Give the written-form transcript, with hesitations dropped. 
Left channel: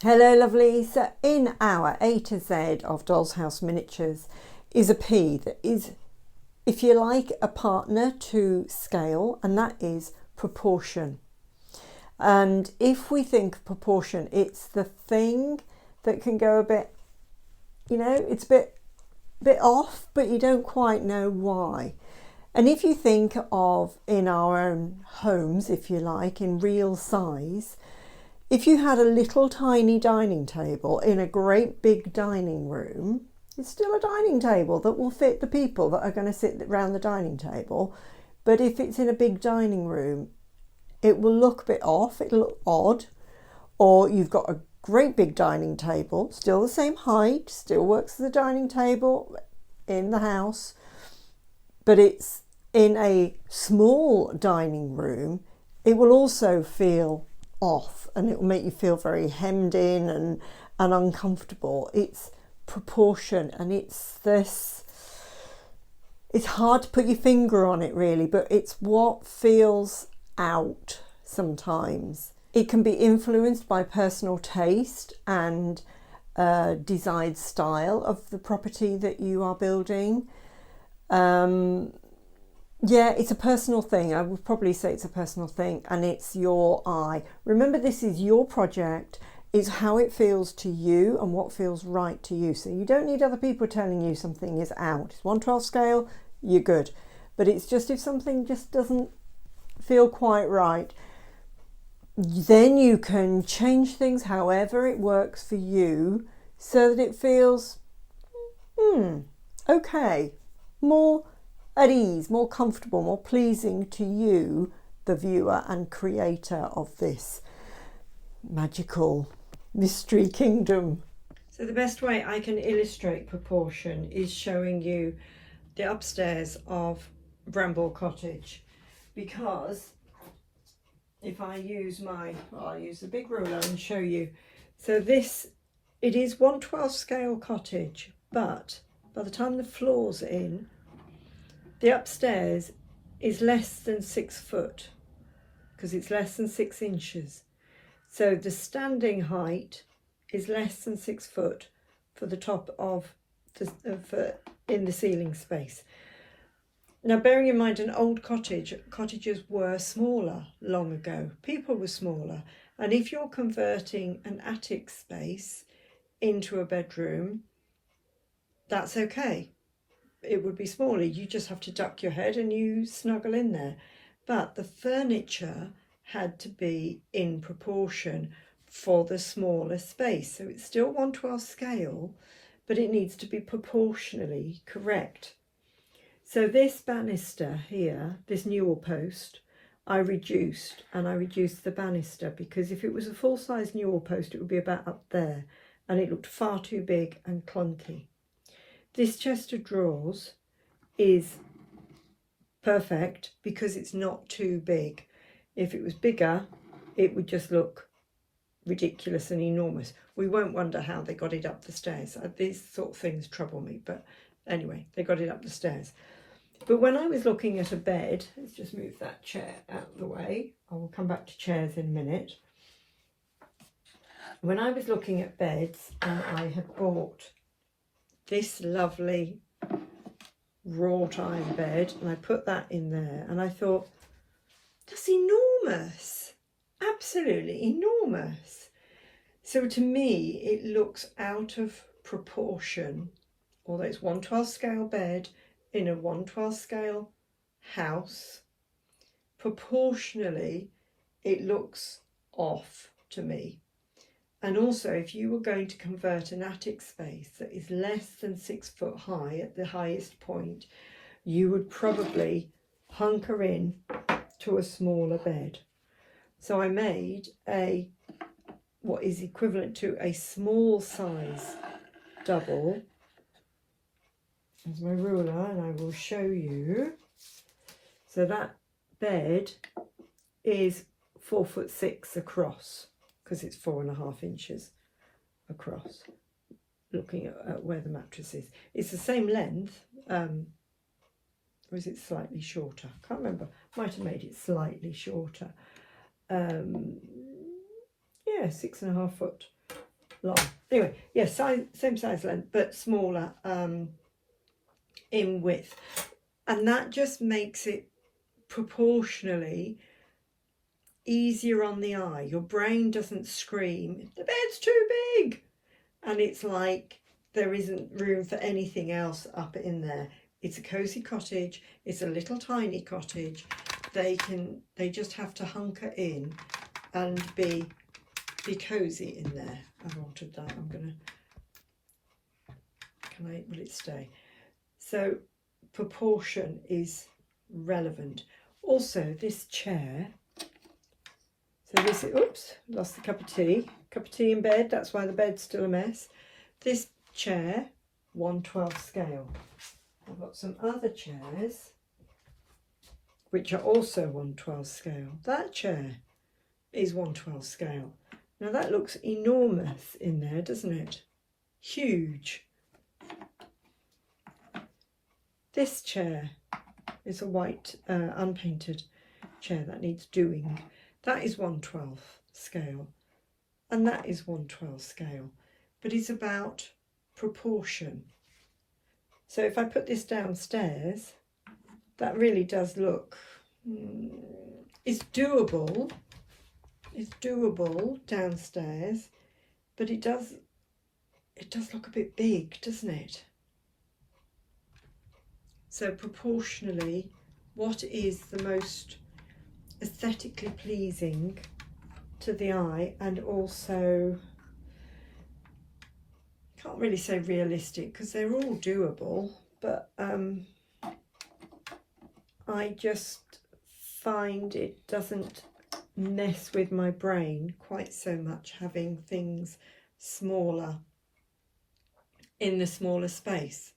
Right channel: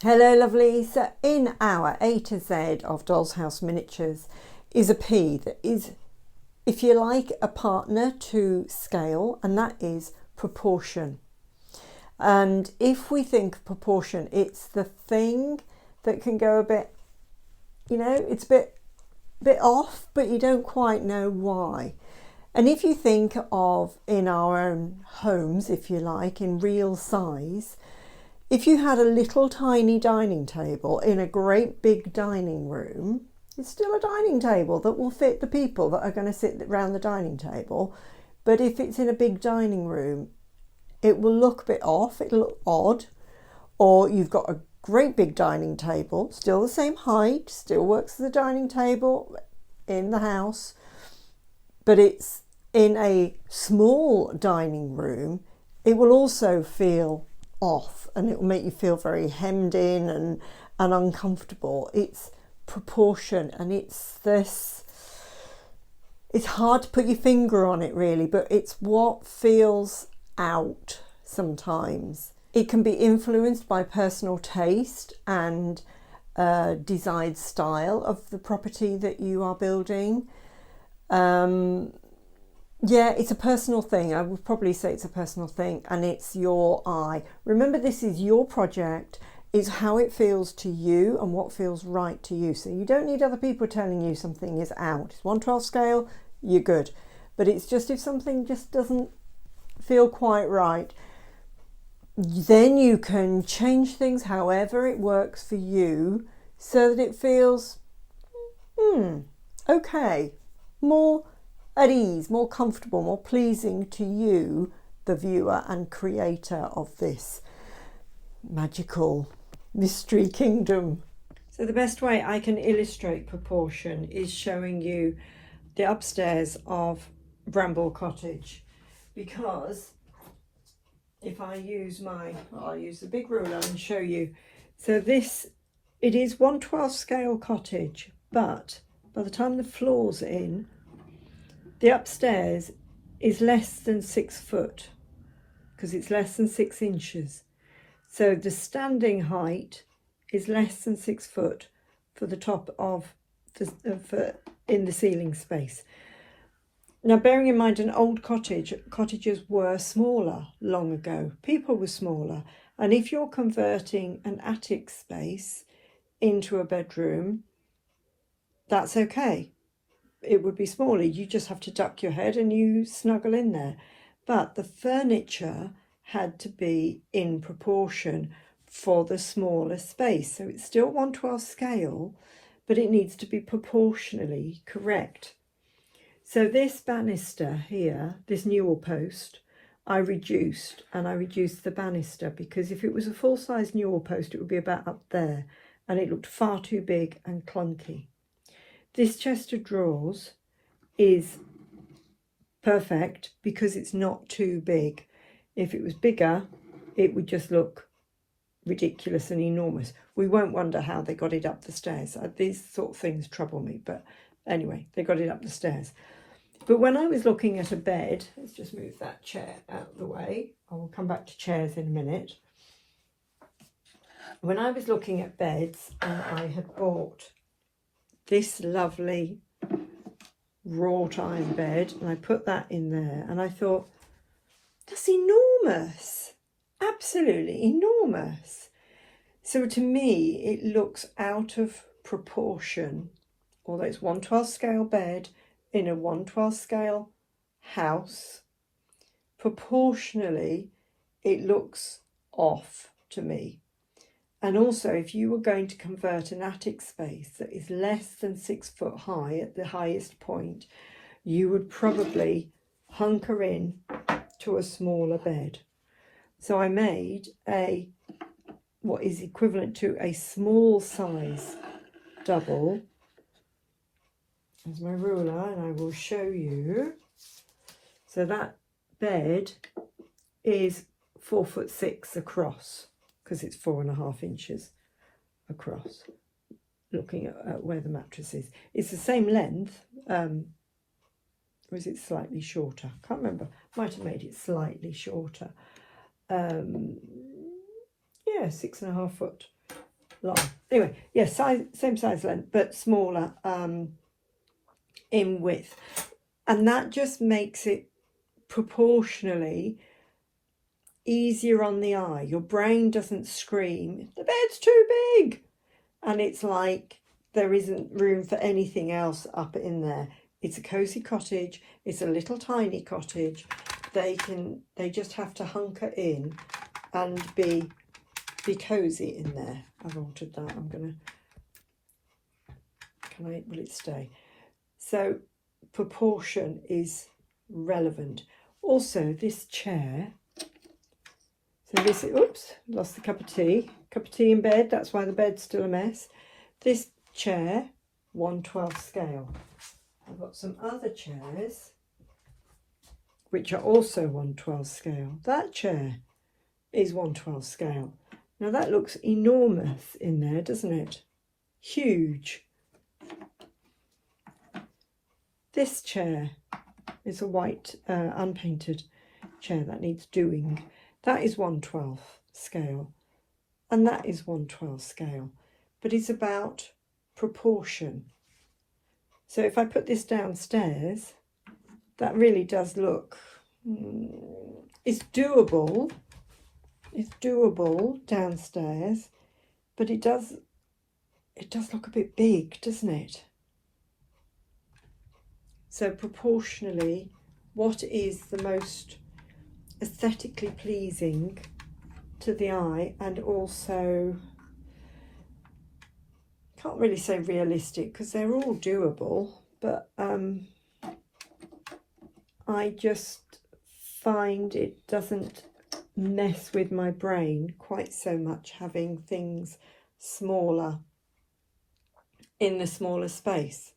Hello lovely. So in our A to Z of Doll's House Miniatures is a P that is, if you like, a partner to scale, and that is proportion. And if we think of proportion, it's the thing that can go a bit, it's a bit off, but you don't quite know why. And if you think of in our own homes, if you like, in real size, if you had a little tiny dining table in a great big dining room, it's still a dining table that will fit the people that are going to sit around the dining table. But if it's in a big dining room, it will look a bit off, it'll look odd. Or you've got a great big dining table, still the same height, still works as a dining table in the house, but it's in a small dining room, it will also feel off and it will make you feel very hemmed in and uncomfortable. It's proportion, and it's hard to put your finger on it really, but it's what feels out sometimes. It can be influenced by personal taste and desired style of the property that you are building. Yeah, it's a personal thing. I would probably say it's a personal thing, and it's your eye. Remember, this is your project. It's how it feels to you and what feels right to you. So you don't need other people telling you something is out. It's 1/12 scale, you're good. But it's just if something just doesn't feel quite right, then you can change things however it works for you so that it feels, okay, more at ease, more comfortable, more pleasing to you, the viewer and creator of this magical mystery kingdom. So the best way I can illustrate proportion is showing you the upstairs of Bramble Cottage, because if I use I'll use the big ruler and show you. So it is 1/12 scale cottage, but by the time the floor's in, the upstairs is less than 6 foot because it's less than 6 inches. So the standing height is less than 6 foot for the top of in the ceiling space. Now, bearing in mind an old cottages were smaller long ago. People were smaller. And if you're converting an attic space into a bedroom, that's okay. It would be smaller. You just have to duck your head and you snuggle in there. But the furniture had to be in proportion for the smaller space. So it's still 1/12 scale, but it needs to be proportionally correct. So this banister here, this newel post, I reduced the banister, because if it was a full-size newel post, it would be about up there, and it looked far too big and clunky. This chest of drawers is perfect because it's not too big. If it was bigger, it would just look ridiculous and enormous. We won't wonder how they got it up the stairs. These sort of things trouble me, but anyway, they got it up the stairs. But when I was looking at a bed, let's just move that chair out of the way. I will come back to chairs in a minute. When I was looking at beds, I had bought this lovely wrought iron bed, and I put that in there, and I thought, that's enormous, absolutely enormous. So to me, it looks out of proportion, although it's 1/12 scale bed in a 1/12 scale house. Proportionally, it looks off to me. And also, if you were going to convert an attic space that is less than 6 foot high at the highest point, you would probably hunker in to a smaller bed. So I made what is equivalent to a small size double. There's my ruler, and I will show you. So that bed is 4'6" across, because it's 4.5 inches across, looking at where the mattress is. It's the same length, or is it slightly shorter? I can't remember. Might have made it slightly shorter. Yeah, 6.5 foot long. Anyway, yes, same size length, but smaller in width. And that just makes it proportionally easier on the eye. Your brain doesn't scream, the bed's too big. And it's like there isn't room for anything else up in there. It's a cosy cottage. It's a little tiny cottage. They just have to hunker in and be cosy in there. I've altered that. Will it stay? So proportion is relevant. Also, this chair. So this, oops, lost the cup of tea. Cup of tea in bed, that's why the bed's still a mess. This chair, 1/12 scale. I've got some other chairs which are also 1/12 scale. That chair is 1/12 scale. Now that looks enormous in there, doesn't it? Huge. This chair is a white unpainted chair that needs doing. That is 1/12 scale, and that is 1/12 scale, but it's about proportion. So if I put this downstairs, that really does look, it's doable downstairs, but it does look a bit big, doesn't it? So proportionally, what is the most aesthetically pleasing to the eye, and also, can't really say realistic because they're all doable, but I just find it doesn't mess with my brain quite so much having things smaller in the smaller space.